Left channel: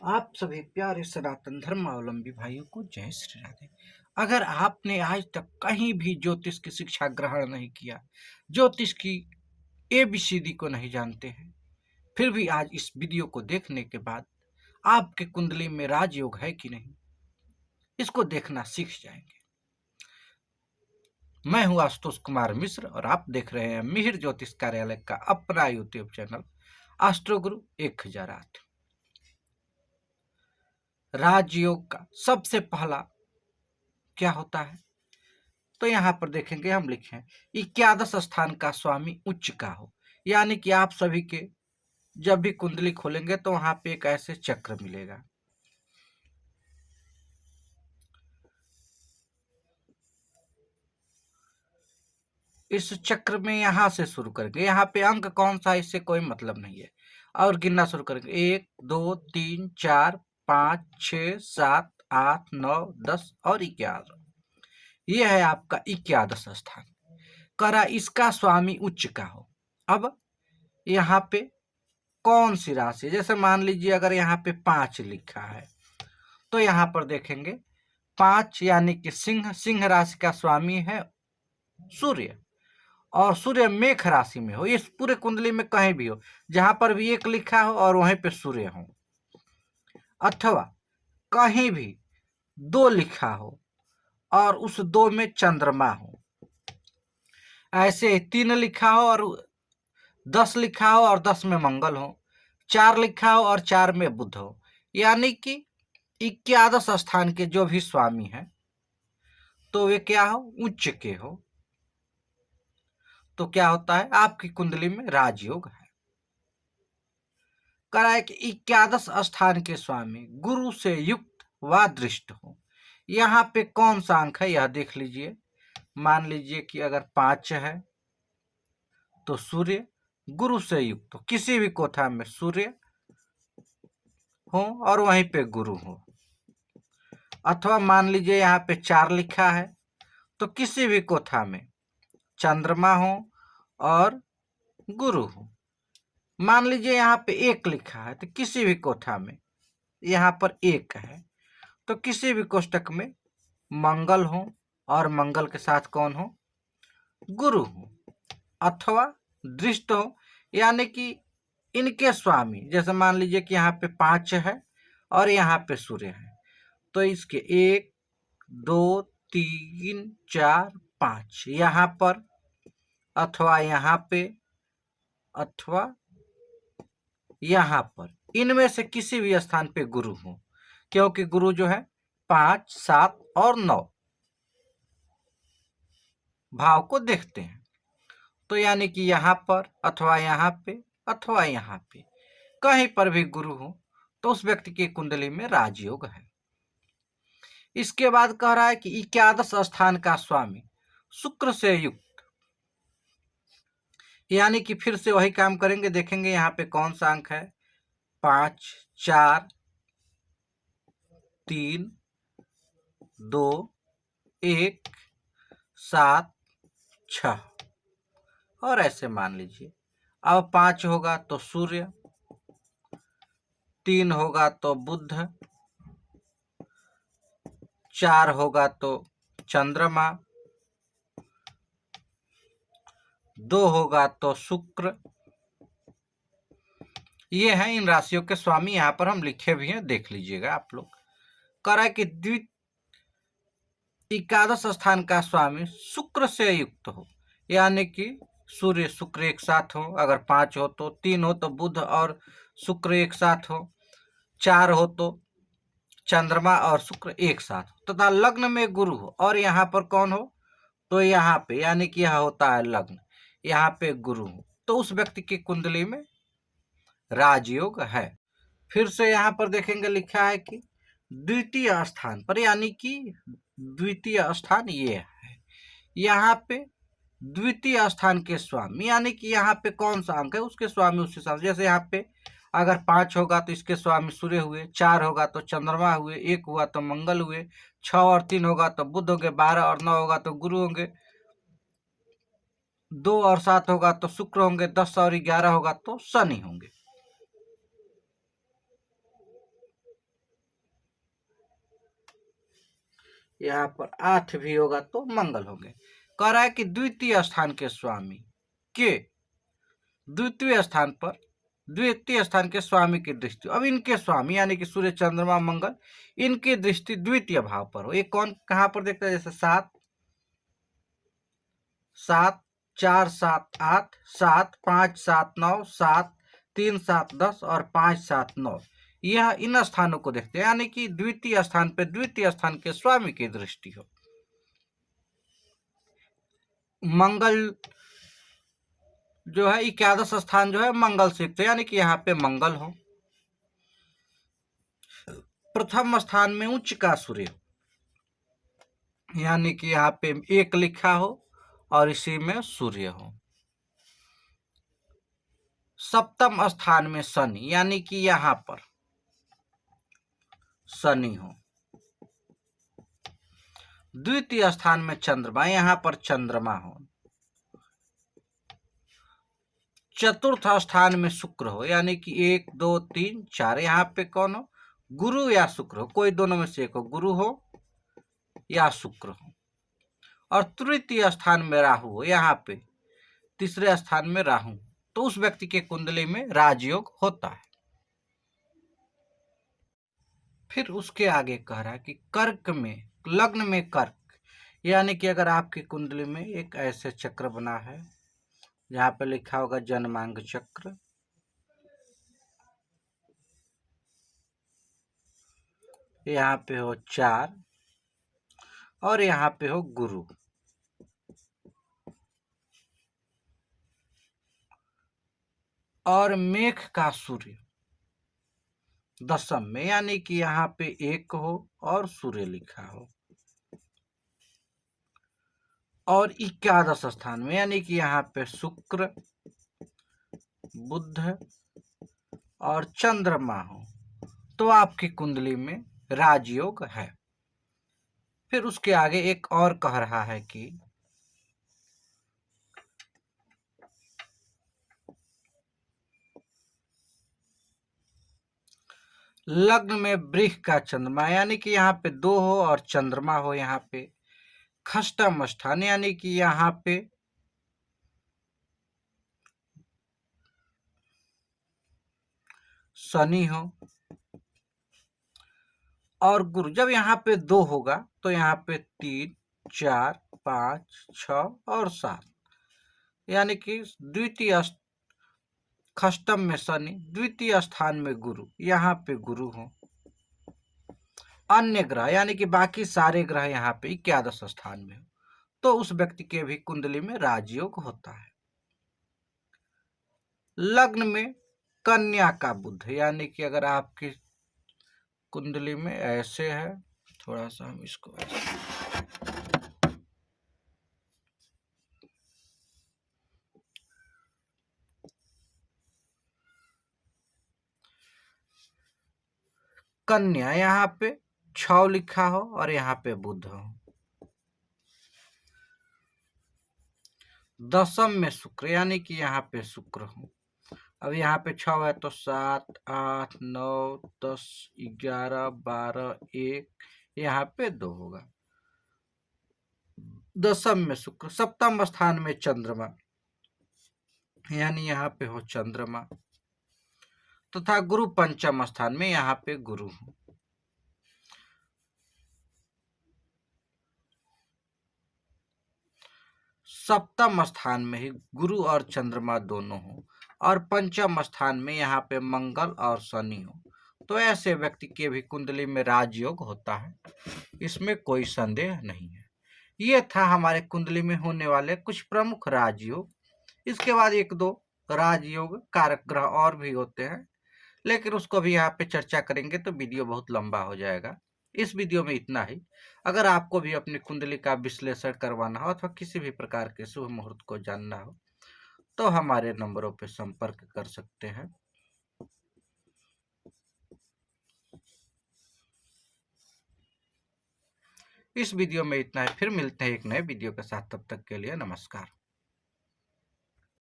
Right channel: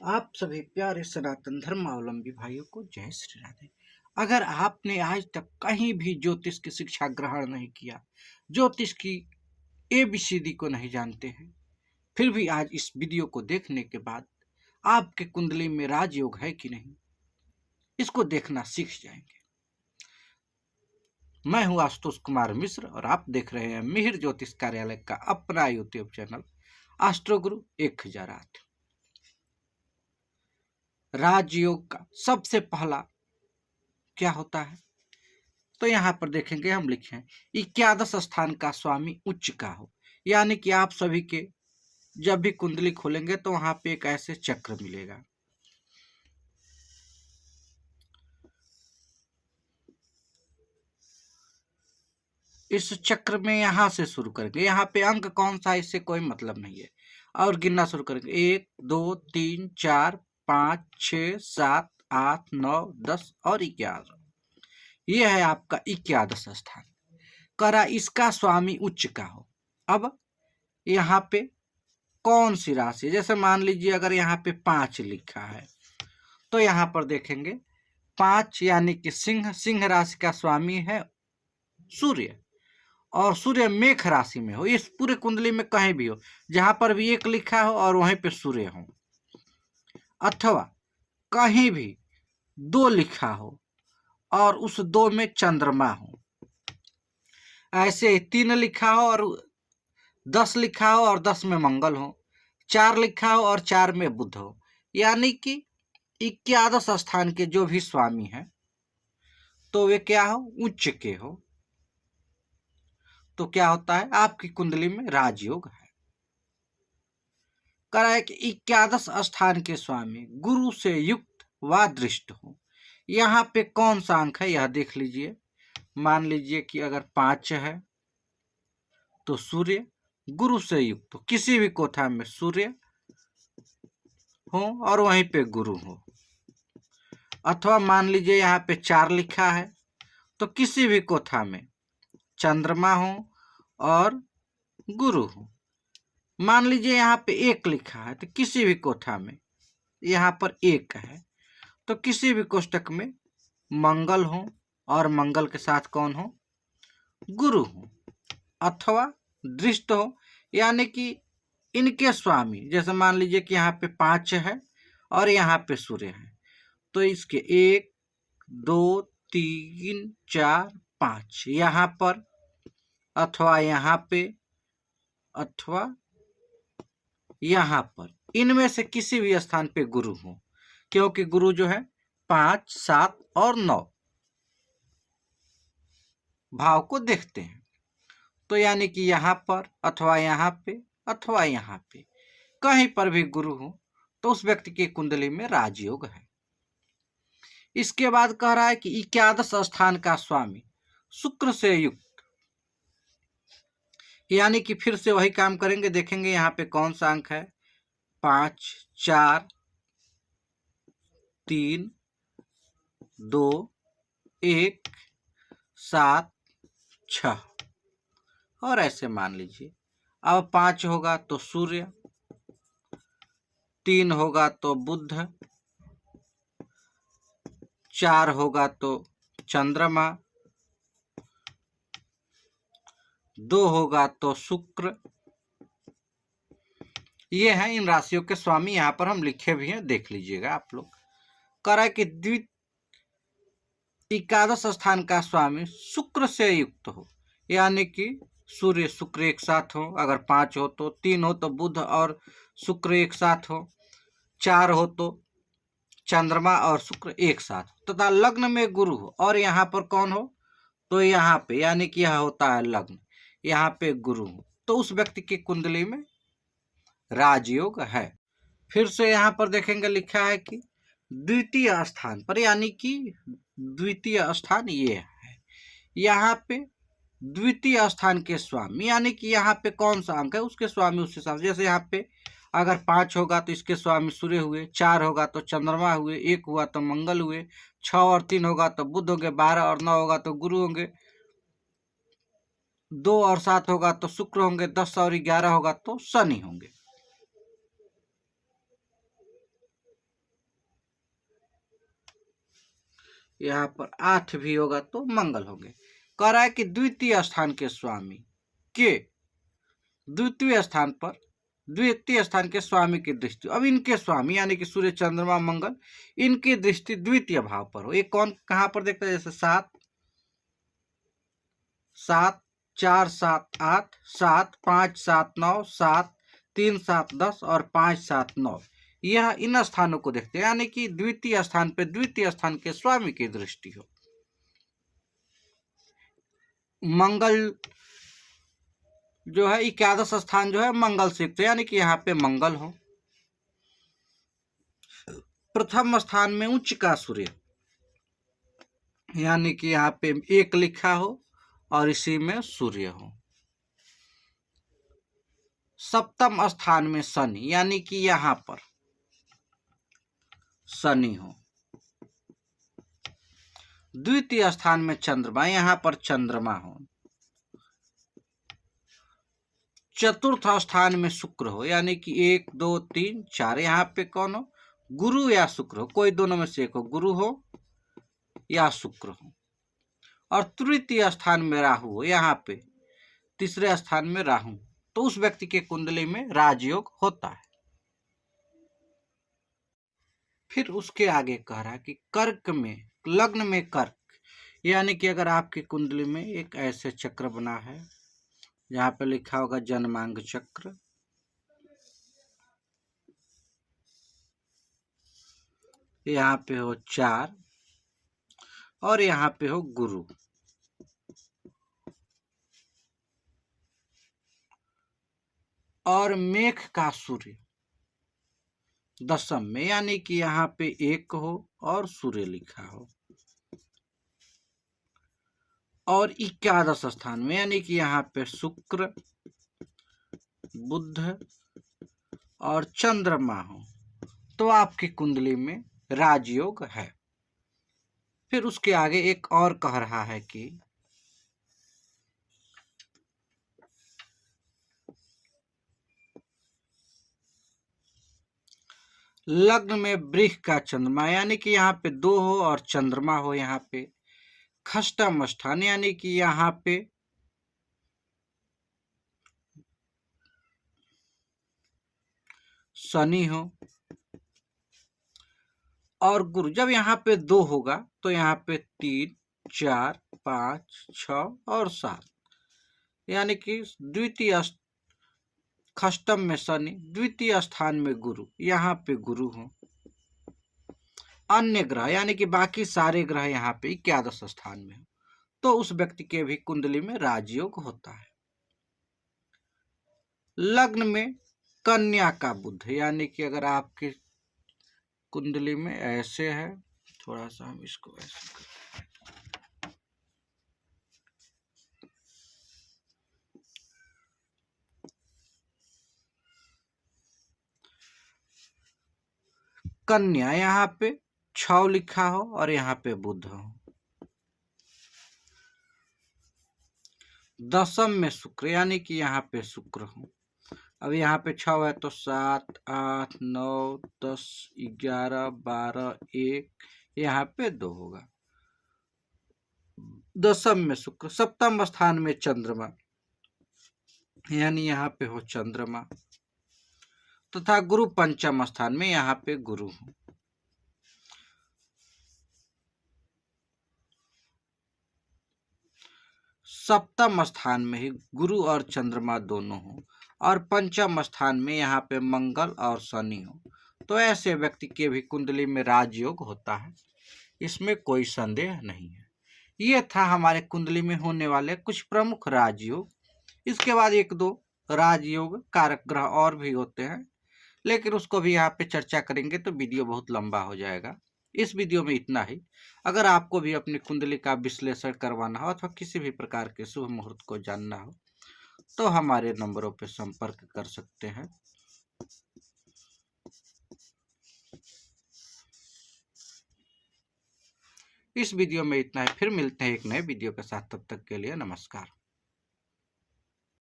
आप सभी प्यारे सनातन धर्मावलंबी भाइयों को जय श्री राधे। अगर आपने आज तक कहीं भी ज्योतिष की शिक्षा ग्रहण नहीं किया, ज्योतिष की एबीसीडी को नहीं जानते हैं, फिर भी आज इस वीडियो को देखने के बाद आपके कुंडली में राजयोग है कि नहीं, इसको देखना सीख जाएंगे। मैं हूं आशुतोष कुमार मिश्र और आप देख रहे हैं मिहिर ज्योतिष कार्यालय का अपना यूट्यूब चैनल एस्ट्रोगुरु 1008। राजयोग का सबसे पहला क्या होता है, तो यहाँ पर देखेंगे हम लिखे हैं 11 स्थान का स्वामी उच्च का हो। यानी कि आप सभी के जब भी कुंडली खोलेंगे तो वहां पे एक ऐसे चक्र मिलेगा। इस चक्र में यहां से शुरू करेंगे, यहाँ पे अंक कौन सा इससे कोई मतलब नहीं है, और गिनना शुरू करेंगे 1 2 3 4 5 6 7 8 9 10 और 11। यह है आपका 11 स्थान। करा इसका स्वामी उच्च का हो। अब यहाँ पे कौन सी राशि, जैसे मान लीजिए अगर यहाँ पे 5 लिखा है तो यहाँ पर देखेंगे 5 यानी कि सिंह राशि का स्वामी है सूर्य, और सूर्य मेष राशि में हो। इस पूरे कुंडली में कहीं भी हो, जहां पर भी 1 लिखा हो और वहीं पे सूर्य हो, अथवा कहीं भी 2 लिखा हो और उस 2 में चंद्रमा हो, ऐसे 3 लिखा हो और 10 लिखा हो और 10 में मंगल हो, 4 लिखा हो और 4 में बुध हो, यानी कि 11 स्थान के जो भी स्वामी हैं तो वे क्या हो, उच्च के हो। तो क्या होता है, आपकी कुंडली में राजयोग है। करा है कि 11 स्थान के स्वामी गुरु से युक्त व दृष्ट हो। यहाँ पे कौन सा अंक है यह देख लीजिए। मान लीजिए कि अगर 5 है तो सूर्य गुरु से युक्त हो, किसी भी कोठा में सूर्य हो और वहीं पे गुरु हो। अथवा मान लीजिए यहाँ पे 4 लिखा है तो किसी भी कोठा में चंद्रमा हो और गुरु हो। मान लीजिए यहाँ पे 1 लिखा है तो किसी भी कोठा में, यहाँ पर 1 है तो किसी भी कोष्टक में मंगल हो और मंगल के साथ कौन हो, गुरु हो। अथवा दृष्ट हो, यानी कि इनके स्वामी, जैसे मान लीजिए कि यहाँ पे 5 है और यहाँ पे सूर्य है, तो इसके 1 2 3 4 5 यहाँ पर, अथवा यहाँ पे, अथवा यहाँ पर, इनमें से किसी भी स्थान पे गुरु हो, क्योंकि गुरु जो है 5 7 और 9 भाव को देखते हैं। तो यानी कि यहाँ पर अथवा यहाँ पे अथवा यहाँ पे कहीं पर भी गुरु हो तो उस व्यक्ति की कुंडली में राजयोग है। इसके बाद कह रहा है कि 11 स्थान का स्वामी शुक्र से युक्त, यानी कि फिर से वही काम करेंगे। देखेंगे यहाँ पे कौन सा अंक है, 5 4 3 2 1 7 6 और ऐसे मान लीजिए। अब 5 होगा तो सूर्य, 3 होगा तो बुध, 4 होगा तो चंद्रमा, 2 होगा तो शुक्र। ये हैं इन राशियों के स्वामी, यहाँ पर हम लिखे भी हैं, देख लीजिएगा आप लोग। कह रहा है कि 11 स्थान का स्वामी शुक्र से युक्त हो, यानी कि सूर्य शुक्र एक साथ हो। अगर 5 हो तो, 3 हो तो बुध और शुक्र एक साथ हो, 4 हो तो चंद्रमा और शुक्र एक साथ हो, तथा लग्न में गुरु हो और यहाँ पर कौन हो, तो यहाँ पे, यानी कि यह होता है लग्न, यहाँ पे गुरु हो, तो उस व्यक्ति की कुंडली में राजयोग है। फिर से यहाँ पर देखेंगे लिखा है कि द्वितीय स्थान पर, यानी कि द्वितीय स्थान ये है, यहाँ पे द्वितीय स्थान के स्वामी, यानी कि यहाँ पे कौन सा अंक है उसके स्वामी उस हिसाब से। जैसे यहाँ पे अगर 5 होगा तो इसके स्वामी सूर्य हुए, 4 होगा तो चंद्रमा हुए, 1 हुआ तो मंगल हुए, 6 और 3 होगा तो बुध होंगे, 12 और 9 होगा तो गुरु होंगे, 2 और 7 होगा तो शुक्र होंगे, 10 और 11 होगा तो शनि होंगे। यहाँ पर 8 भी होगा तो मंगल होंगे। कह रहा है कि द्वितीय स्थान के स्वामी के द्वितीय स्थान के स्वामी की दृष्टि, अब इनके स्वामी यानी कि सूर्य चंद्रमा मंगल, इनकी दृष्टि द्वितीय भाव पर हो। ये कौन कहां पर देखते हैं? जैसे 7 7 4 7 8 7 5 7 9 7 3 7 10 और 5 7 9, यह इन स्थानों को देखते हैं, यानी कि द्वितीय स्थान पे द्वितीय स्थान के स्वामी की दृष्टि हो। मंगल जो है एकादश स्थान जो है मंगल से युक्त है, यानी कि यहाँ पे मंगल हो। प्रथम स्थान में उच्च का सूर्य, यानी कि यहाँ पे 1 लिखा हो और इसी में सूर्य हो। सप्तम स्थान में शनि, यानी कि यहाँ पर शनि हो। द्वितीय स्थान में चंद्रमा, यहाँ पर चंद्रमा हो। चतुर्थ स्थान में शुक्र हो, यानी कि 1 2 3 4, यहाँ पे कौन हो? गुरु या शुक्र हो, कोई दोनों में से एक हो, गुरु हो या शुक्र हो। और तृतीय स्थान में राहु हो, यहाँ पे तीसरे स्थान में राहु, तो उस व्यक्ति के कुंडली में राजयोग होता है। फिर उसके आगे कह रहा है कि कर्क में, लग्न में कर्क, यानी कि अगर आपकी कुंडली में एक ऐसे चक्र बना है, यहाँ पे लिखा होगा जन्मांग चक्र, यहाँ पे हो 4 और यहाँ पे हो गुरु, और मेघ का सूर्य दशम में, यानी कि यहाँ पे 1 हो और सूर्य लिखा हो, और एकादश स्थान में, यानी कि यहाँ पे शुक्र बुध और चंद्रमा हो, तो आपकी कुंडली में राजयोग है। फिर उसके आगे एक और कह रहा है कि लग्न में वृष का चंद्रमा, यानी कि यहाँ पे 2 हो और चंद्रमा हो, यहाँ पे खष्टम स्थान, यानी कि यहाँ पे शनि हो, और गुरु जब यहाँ पे 2 होगा तो यहाँ पे 3 4 5 6 और 7, यानी कि द्वितीय खष्टम में शनि, द्वितीय स्थान में गुरु, यहाँ पे गुरु हो। अन्य ग्रह यानी कि बाकी सारे ग्रह यहाँ पे एकादश स्थान में हो, तो उस व्यक्ति के भी कुंडली में राजयोग होता है। लग्न में कन्या का बुध, यानी कि अगर आपकी कुंडली में ऐसे है, थोड़ा सा हम इसको ऐसे, कन्या यहाँ पे 6 लिखा हो और यहाँ पे बुध हो। दशम में शुक्र, यानी कि यहाँ पे शुक्र हो। अब यहाँ पे 6 है तो 7 8 9 10 11 12 1, यहाँ पे 2 होगा। दशम में शुक्र, सप्तम स्थान में चंद्रमा, यानी यहाँ पे हो चंद्रमा, तथा गुरु पंचम स्थान में, यहाँ पे गुरु हो। सप्तम स्थान में ही गुरु और चंद्रमा दोनों हो, और पंचम स्थान में यहाँ पे मंगल और शनि हो, तो ऐसे व्यक्ति के भी कुंडली में राजयोग होता है, इसमें कोई संदेह नहीं है। ये था हमारे कुंडली में होने वाले कुछ प्रमुख राजयोग। इसके बाद 1-2 राजयोग कारक ग्रह और भी होते हैं, लेकिन उसको भी यहाँ पे चर्चा करेंगे तो वीडियो बहुत लंबा हो जाएगा। इस वीडियो में इतना ही। अगर आपको भी अपनी कुंडली का विश्लेषण करवाना हो अथवा किसी भी प्रकार के शुभ मुहूर्त को जानना हो तो हमारे नंबरों पर संपर्क कर सकते हैं। इस वीडियो में इतना है, फिर मिलते हैं एक नए वीडियो के साथ, तब तक के लिए नमस्कार।